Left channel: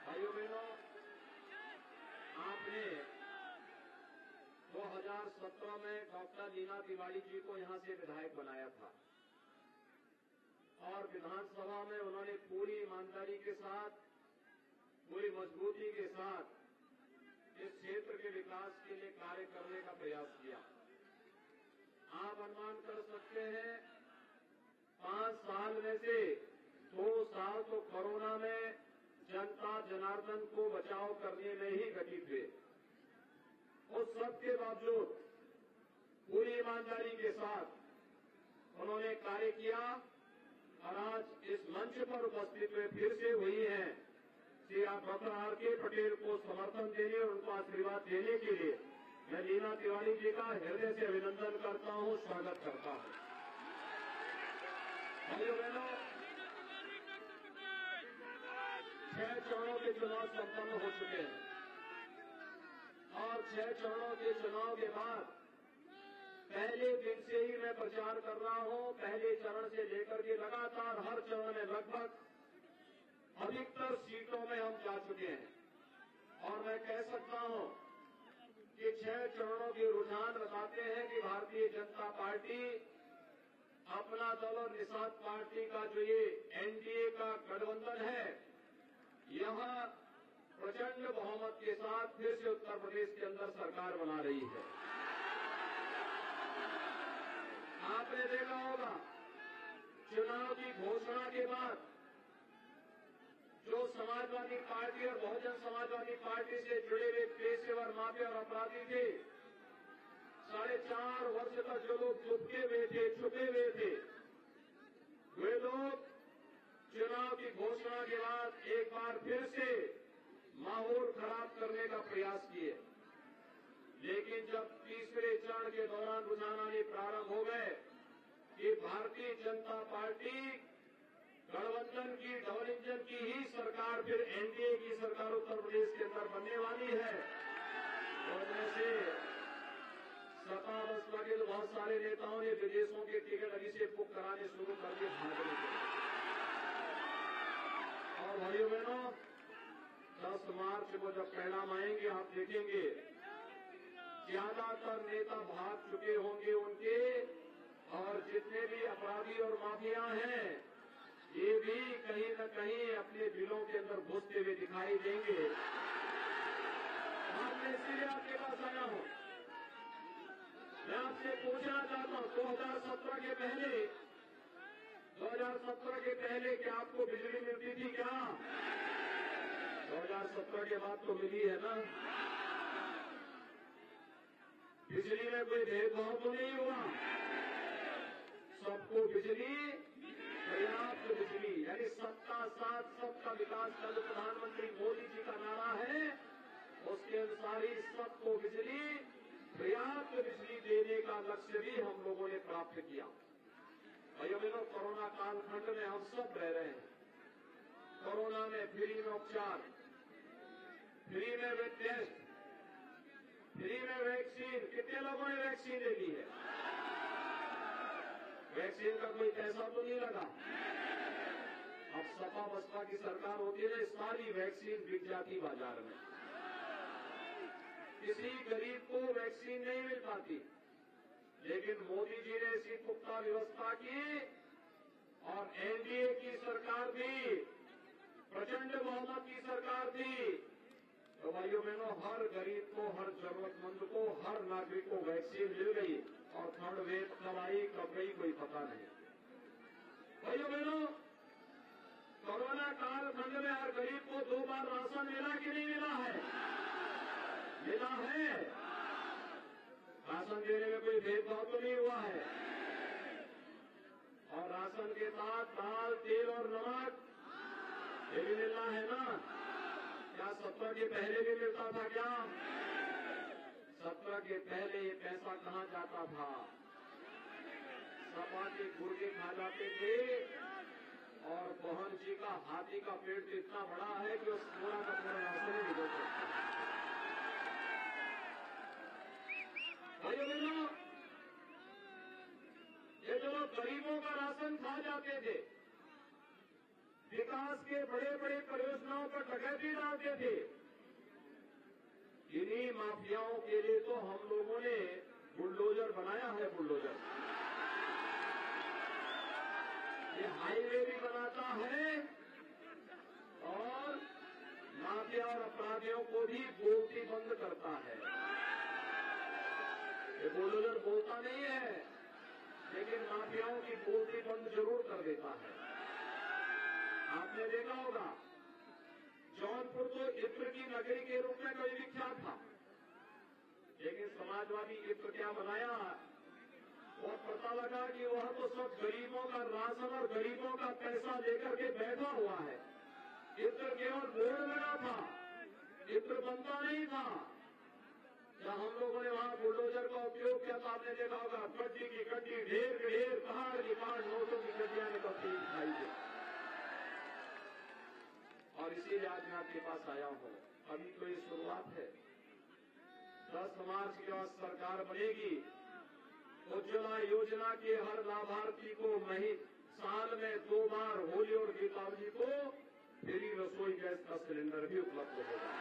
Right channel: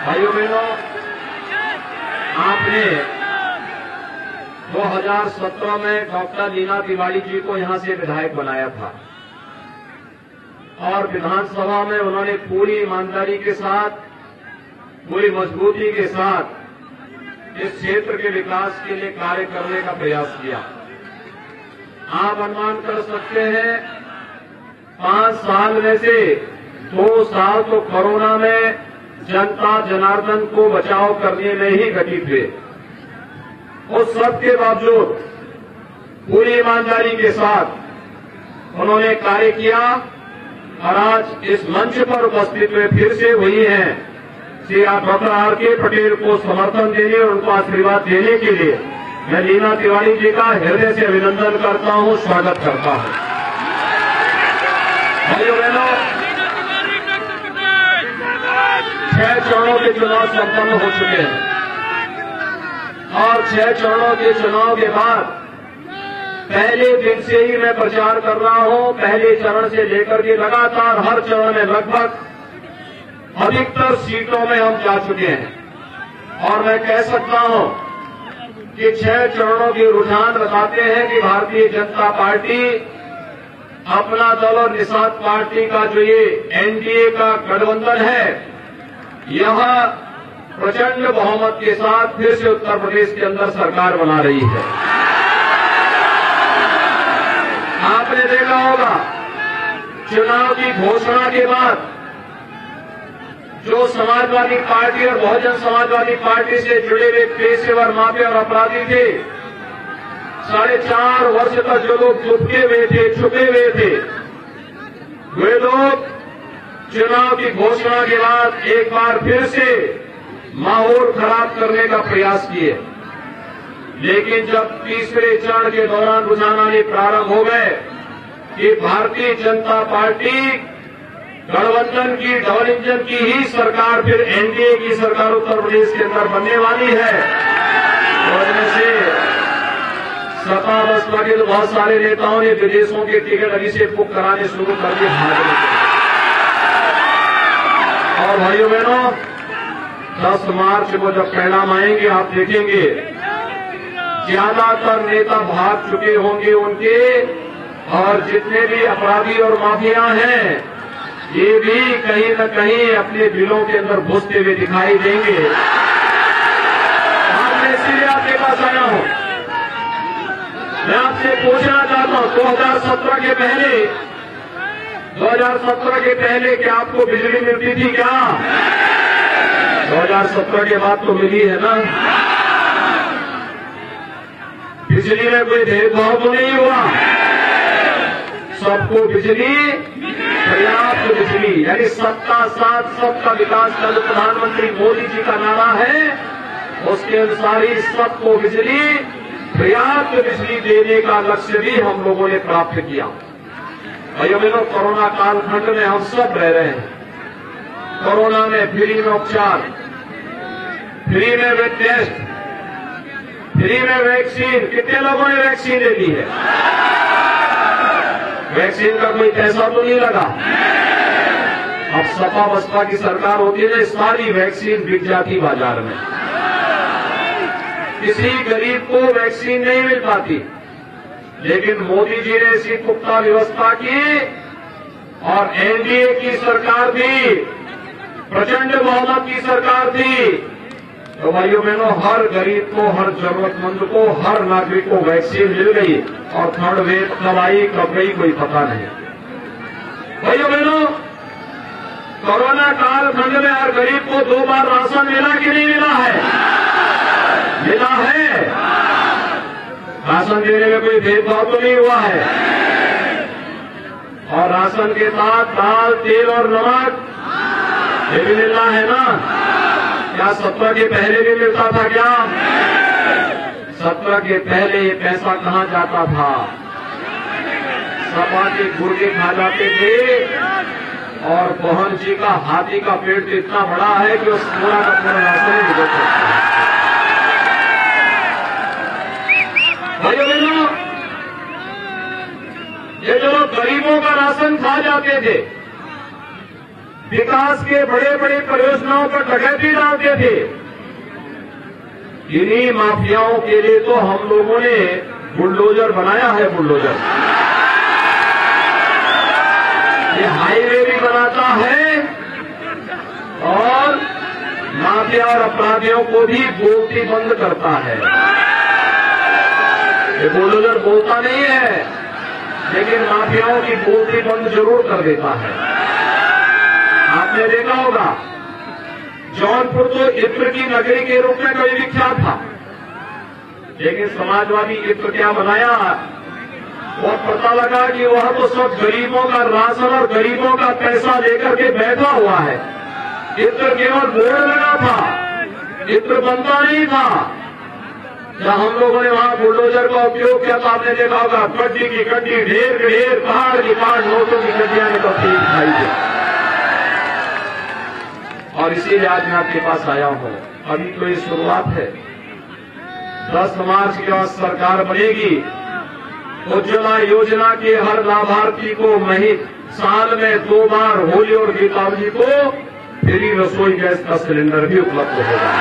भाइयों बहनों, आपने 2017 में डॉक्टर लीना तिवारी जी को यहां से विधायक बनाया था और विधानसभा में उन्होंने पूरी ईमानदारी के साथ, पूरी मजबूती के साथ इस क्षेत्र के विकास के लिए कार्य करने का प्रयास किया। आप अनुमान कर सकते हैं 5 साल में से 2 साल तो कोरोना में जनता जनार्दन को बचाव करने में ही घटित हुए। उस सब के बावजूद पूरी ईमानदारी के साथ उन्होंने कार्य किया और आज इस मंच पर उपस्थित हुए फिर से वही हैं श्री डॉक्टर आर.के. पटेल को समर्थन देने और उनको आशीर्वाद देने के लिए मैं लीना तिवारी जी का हृदय से अभिनंदन करता हूं, स्वागत करता हूं। भाइयों बहनों, 6 चरणों के चुनाव संपन्न हो चुके हैं और 6 चरणों के चुनाव के बाद पहले दिन से ही मैं प्रचार कर रहा हूं। पहले चरण से लेकर के लगातार हर चरण में लगभग अधिकतर सीटों में हम जा चुके हैं और मैं कह सकता हूं कि 6 चरणों के रुझान बताते हैं कि भारतीय जनता पार्टी अपना दल और निषाद पार्टी का जो ये एनडीए का गठबंधन है, यहां प्रचंड बहुमत के साथ फिर से उत्तर प्रदेश के अंदर सरकार बना रही है। आपने देखा होगा चुनाव की घोषणा के बाद जो समाजवादी पार्टी और बहुजन समाजवादी पार्टी से जुड़े हुए पेशेवर माफिया और अपराधी थे, 4.5 वर्ष तक जो लोग छुपे हुए थे, वे लोग चुनाव की घोषणा के बाद एक बार फिर से माहौल खराब करने का प्रयास किए। लेकिन जब तीसरे चरण के दौरान रुझान आने प्रारंभ हो गए कि भारतीय जनता पार्टी गठबंधन की, डबल इंजन की ही सरकार, फिर एनडीए की सरकार उत्तर प्रदेश के अंदर बनने वाली है, वजह से सपा बसपा के बहुत सारे नेताओं ने विदेशों के टिकट अभी से बुक कराने शुरू कर दिए भागने के। और भाइयों बहनों, 10 मार्च को जब परिणाम आएंगे आप देखेंगे ज्यादातर नेता भाग चुके होंगे उनके, और जितने भी अपराधी और माफिया हैं ये भी कहीं न कहीं अपने बिलों के अंदर घुसते हुए दिखाई देंगे। आज मैं इसीलिए आपके पास आया हूं। मैं आपसे पूछना चाहता हूं 2017 के पहले क्या आपको बिजली मिलती थी क्या? 2017 के बाद तो मिली है ना। बिजली में कोई भेदभाव तो नहीं हुआ, सबको बिजली, पर्याप्त बिजली, यानी सबका साथ सबका विकास का जो प्रधानमंत्री मोदी जी का नारा है उसके अनुसार ही सबको बिजली, पर्याप्त बिजली देने का लक्ष्य भी हम लोगों ने प्राप्त किया। भाइयों बहनों, कोरोना कालखंड में हम सब रह रहे हैं। कोरोना में फ्री में उपचार, फ्री में वेब टेस्ट, फ्री में वैक्सीन। कितने लोगों ने वैक्सीन ले ली है? वैक्सीन का कोई पैसा तो नहीं लगा। अब सपा बसपा की सरकार होती है, सारी वैक्सीन बिक जाती बाजार में, किसी गरीब को वैक्सीन नहीं मिल पाती। लेकिन मोदी जी ने ऐसी पुख्ता व्यवस्था की और एनडीए की सरकार थी, प्रचंड बहुमत की सरकार थी, तो भाइयों बहनों हर गरीब को, हर जरूरतमंद को, हर नागरिक को वैक्सीन मिल गई और 3rd वेव कब आई कब गई कोई पता नहीं। भाइयों बहनों, कोरोना कालखंड में हर गरीब को 2 बार राशन मिला कि नहीं मिला है? मिला है। राशन देने में कोई भेदभाव तो नहीं हुआ है। और राशन के साथ दाल, तेल और नमक ये भी मिलना है ना। क्या 17 के पहले भी मिलता था क्या? 17 के पहले ये पैसा कहां जाता था? सपा के गुर्गे खा जाते थे और मोहन जी का हाथी का पेट इतना बड़ा है कि उस पूरा का पूरा राशन नहीं गुजर सकता। भाइयों बहनों, ये जो लोग गरीबों का राशन खा जाते थे विकास के बड़े बड़े परियोजनाओं पर डकैती डालते थे। इन्हीं माफियाओं के लिए तो हम लोगों ने बुलडोजर बनाया है। बुलडोजर ये हाईवे भी बनाता है और माफिया और अपराधियों को भी बोलती बंद करता है। ये बुलडोजर बोलता नहीं है, लेकिन माफियाओं की बोलती बंद जरूर कर देता है। आपने देखा होगा, जौनपुर तो इत्र की नगरी के रूप में कभी विख्यात था, लेकिन समाजवादी इत्र क्या बनाया, और पता लगा कि वह तो सब गरीबों का राशन और गरीबों का पैसा लेकर के बैठा हुआ है। इत्र केवल बोर्ड लगा था, इत्र बनता नहीं था। जब हम लोगों ने वहां बुलडोजर का उपयोग किया तो आपने देखा होगा, गड्डी की गड्डी, ढेर की ढेर, पहाड़ की पहाड़, नोटों की गड्डियां निकलती दिखाई दी। और इसीलिए आज मैं आपके पास आया हूं। अभी तो ये शुरुआत है। 10 मार्च के बाद सरकार बनेगी। उज्ज्वला योजना के हर लाभार्थी को साल में 2 बार होली और दीपावली को फ्री रसोई गैस का सिलेंडर भी उपलब्ध होगा।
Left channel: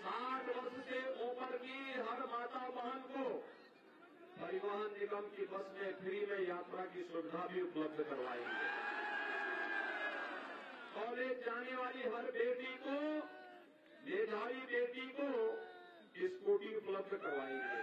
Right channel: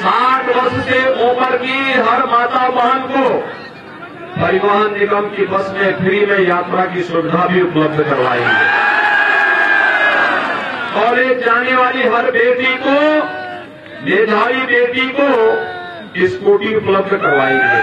60 वर्ष से ऊपर की हर माता बहन को परिवहन निगम की बस में फ्री में यात्रा की सुविधा भी उपलब्ध करवाएंगे। कॉलेज जाने वाली हर बेटी को, मेधावी बेटी को स्कूटी उपलब्ध करवाएंगे।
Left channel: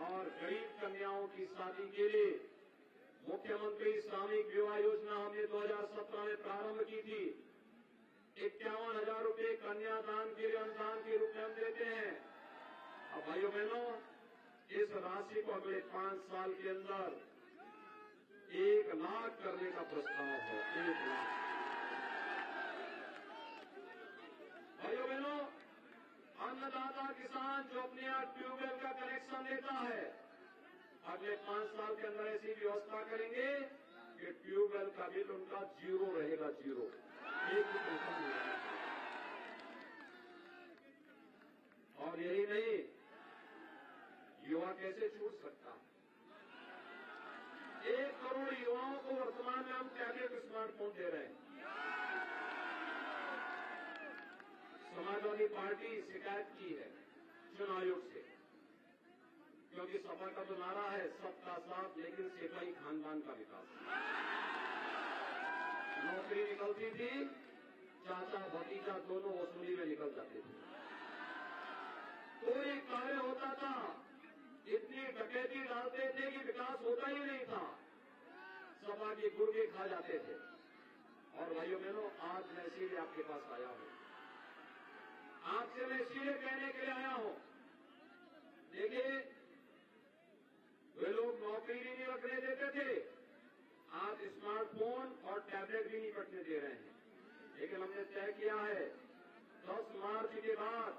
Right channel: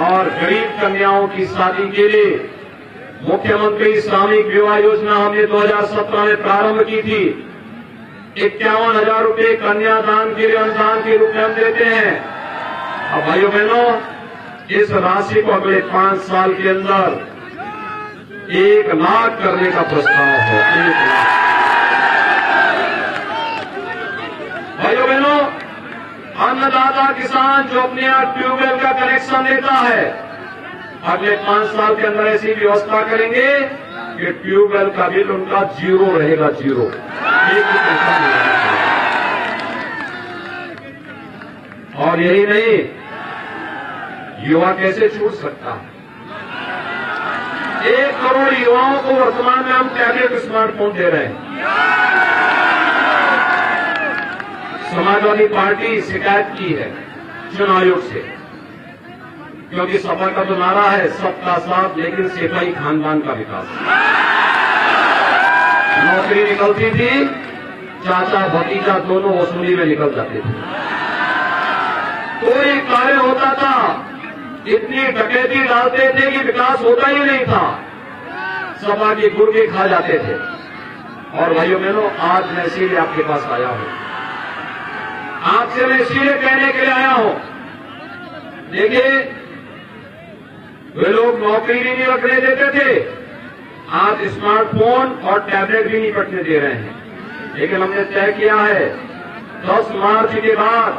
और गरीब कन्याओं की शादी के लिए मुख्यमंत्री सामूहिक विवाह योजना हमने 2017 में प्रारंभ की थी। 51,000 रुपये कन्यादान के लिए अनुदान के रूप में हम देते हैं। अब भाइयों बहनों, इस राशि को अगले 5 साल के अंदर 1 लाख करने का प्रस्ताव है। 1 लाख। भाइयों बहनों, अन्नदाता किसान जो अपने यहाँ ट्यूबवेल का कनेक्शन लेता है, अगले 5 साल के अंदर ऐसी व्यवस्था करेंगे कि ट्यूबवेल का बिल उनका 0 रहेगा। 0, 1 भी पैसा नहीं रहेगा। और यही नहीं, युवा कैसे छूट सकता है। 1 करोड़ युवाओं को वर्तमान में हम टैबलेट स्मार्टफोन दे रहे हैं। समाजवादी पार्टी शिकायत की है चुनाव आयोग से, क्योंकि सपा का तो नारा है सबका साथ, लेकिन सिपाही खानदान का विकास। नौकरी निकलती थी, चाचा भतीजा दोनों वसूली में निकल जाते थे। कोई कार्य होता था, इतनी डकैती डालते थे कि विकास होता ही नहीं था। सपा की गुर्गे खा जाते थे। और भाइयों बहनों, आज मैं इसीलिए आपके पास आया हूं। आपसे मैं इसीलिए कहने के लिए आया हूं, देखिए, वे लोग नौकरी भी नहीं रखने देते थे, आज स्मार्टफोन और टैबलेट भी नहीं रखने दे रहे हैं। लेकिन हमने तय किया है 10 मार्च के बाद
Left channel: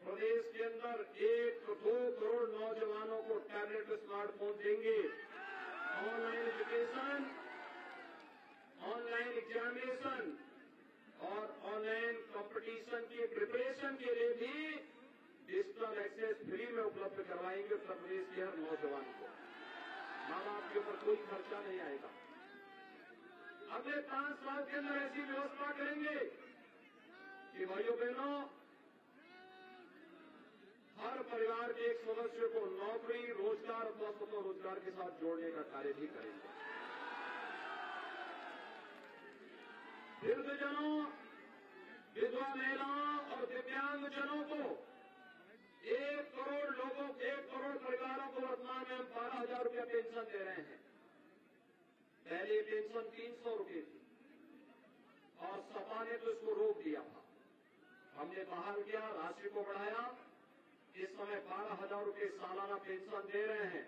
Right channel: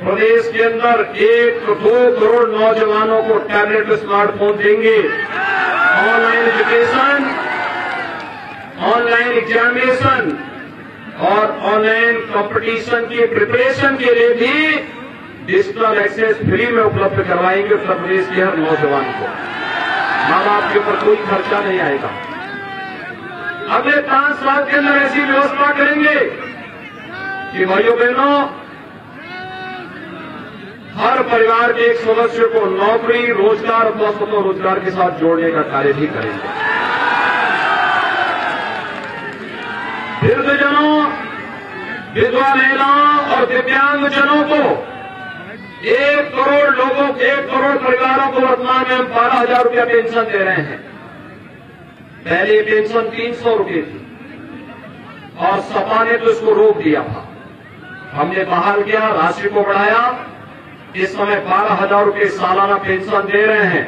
प्रदेश के अंदर 1-2 करोड़ नौजवानों को टैबलेट स्मार्टफोन देंगे। ऑनलाइन एजुकेशन, ऑनलाइन एग्जामिनेशन और ऑनलाइन कंपटीशन की प्रिपरेशन के लिए भी डिजिटल एक्सेस फ्री में उपलब्ध करवाएंगे उत्तर प्रदेश के हर नौजवान को। माँ बाप के ऊपर कोई खर्चा नहीं आएगा। अगले 5 साल के अंदर ऐसी व्यवस्था करेंगे कि भाइयों बहनों, हर परिवार के एक सदस्य को नौकरी, रोजगार अथवा स्वतः रोजगार के साथ जोड़ने का कार्य भी करेंगे। वृद्धजनों, विधवा महिलाओं और दिव्यांगजनों को 1 करोड़ लोगों, 1 करोड़ परिवारों को वर्तमान में हम 12,000 रुपया पेंशन दे रहे हैं। पहले पेंशन 300 रुपये थी और सपा ने तो इसको रोक दिया था। हमने बहाल किया, राशि को बढ़ाया। इस समय 12,000 रुपये सालाना पेंशन दे रहे हैं।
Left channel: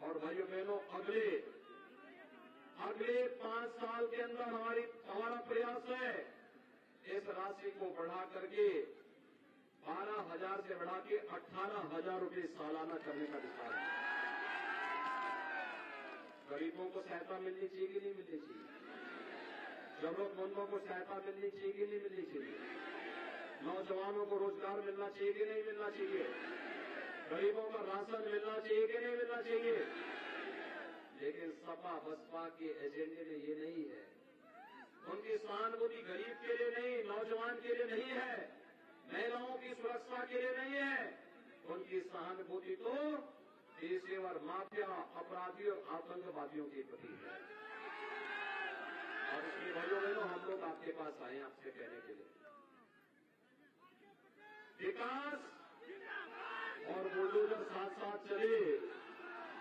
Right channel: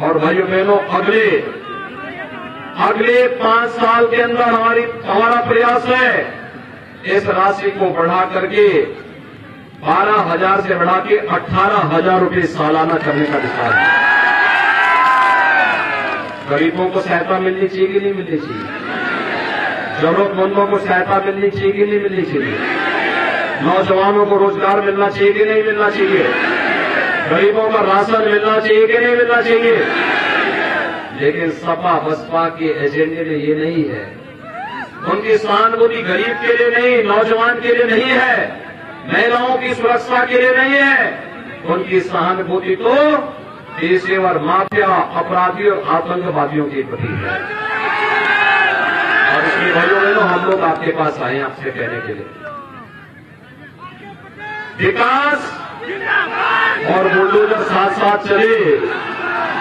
और भाइयों बहनों, अगले 5 साल के अंदर हमारा प्रयास है इस राशि को बढ़ा करके 12,000 से बढ़ा के 18,000 रुपये सालाना करने का विचार है। गरीबों को सहायता मिलनी चाहिए कि नहीं मिलनी चाहिए? जरूरतमंदों को सहायता मिलनी चाहिए कि नहीं मिलनी चाहिए? नौजवानों को रोजगार मिलना चाहिए कि नहीं मिलना चाहिए? गरीबों का राशन मिलना चाहिए कि नहीं मिलना चाहिए। लेकिन सपा बसपा के एजेंडे में ये नहीं है। उनकी सहानुभूति गरीब के लिए नहीं, नौजवान के लिए नहीं है, महिलाओं की सुरक्षा के लिए नहीं है। उनकी सहानुभूति तो पेशेवर माफिया, अपराधियों और आतंकवादियों के प्रति है। और इसलिए भाइयों बहनों, हम लोग आपके पास आए हैं आपसे कहने के लिए, विकास और बुलडोजर साथ साथ चले,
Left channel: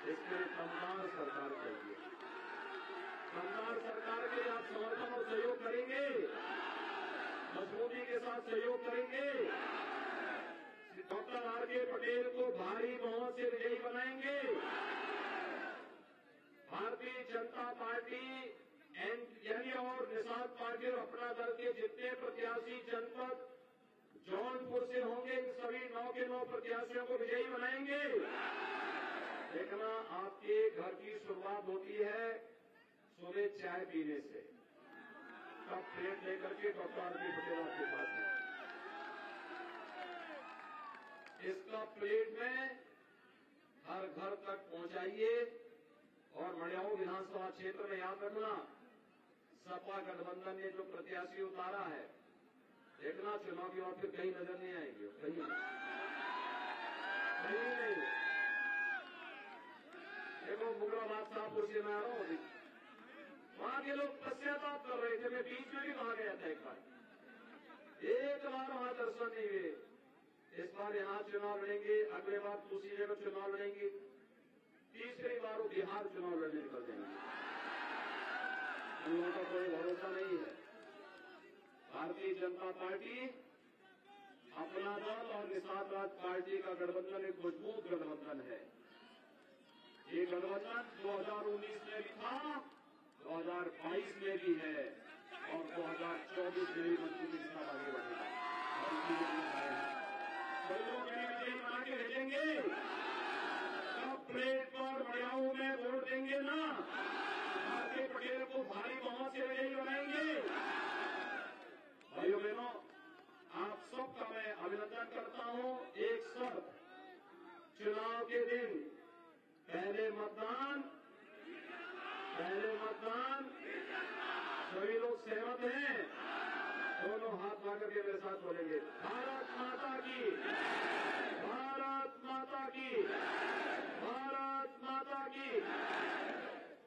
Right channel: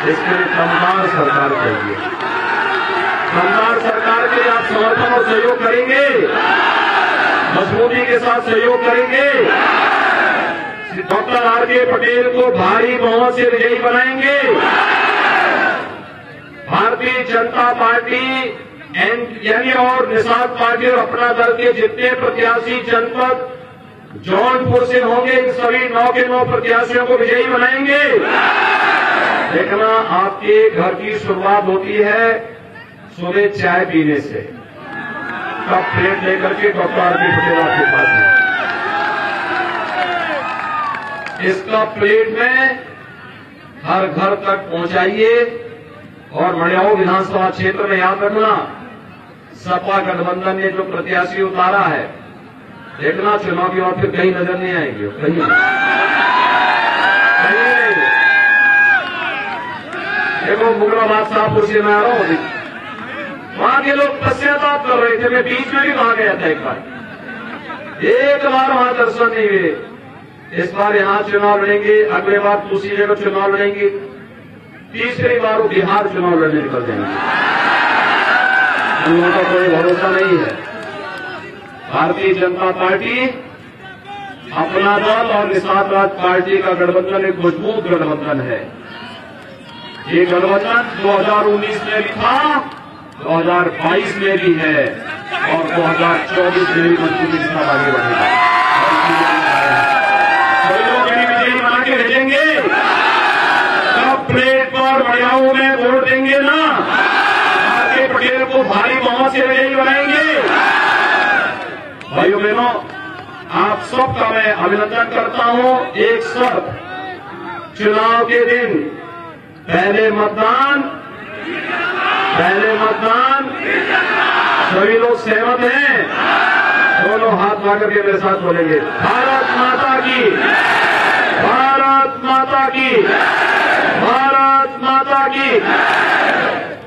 इसके लिए दमदार सरकार चाहिए। दमदार सरकार के लिए आप समर्थन और सहयोग करेंगे, मजबूती के साथ सहयोग करेंगे। Doctor R K. पटेल को भारी बहुमत से विजयी बनाएंगे। भारतीय जनता पार्टी यानी और निषाद पार्टी और अपना दल के जितने प्रत्याशी जनपद जौनपुर से होंगे, इन सभी 9 के 9 प्रत्याशियों को विजयी बनाएंगे। देखना, आपके घर की शुरुआत होती है सुबह चाय पीने से। कप प्लेट लेकर के डॉक्टर आर.के. पटेल आपके पास है। इस कप प्लेट में हर घर तक पहुंचाइए। और मड़ियाऊ विधानसभा क्षेत्र में याद रखना, सपा गठबंधन ने जो प्रत्याशी उतारा है, देखना चुनाव के बाद फिर कहीं नजर नहीं आएंगे, कहीं नहीं। देखो, मुगलाबाद शाहपुर से मैं आ रहा हूं, वहां के लोग पश्चाताप कर रहे थे। मैं बीच में भी वहां गया था एक बार वहां दर्शन नहीं हुए। इस बार यहां चुनाव लड़ेंगे, अगले बार दूसरी जगह चुनाव लड़ेंगे, तीसरी बार वो बिहार चुनाव लड़ने निकल जाएंगे। उन लोगों का कोई भरोसा नहीं है। भारतीय जनता पार्टी, अपना दल और निषाद राज पार्टी का गठबंधन एक मजबूत गठबंधन है। ये गठबंधन 2019 में भी था, 2022 में भी है और 2024 में भी मजबूती के साथ आगे बढ़ेगा। सभी लोग मेरी विजयी बना के भेजेंगे। कब प्लेट पर मड़ियाऊ में वोट देंगे ना, आर.के. पटेल को भारी बहुमत से विजयी बनाएंगे। भाइयों बहनों, आप सबका मैं अभिनंदन करता हूं। एक शर्त, चुनाव के दिन पहले मतदान, सभी लोग सहमत हैं? दोनों हाथ मांगर के मेरे साथ बोलेंगे, भारत माता की, भारत माता की, भारत माता की।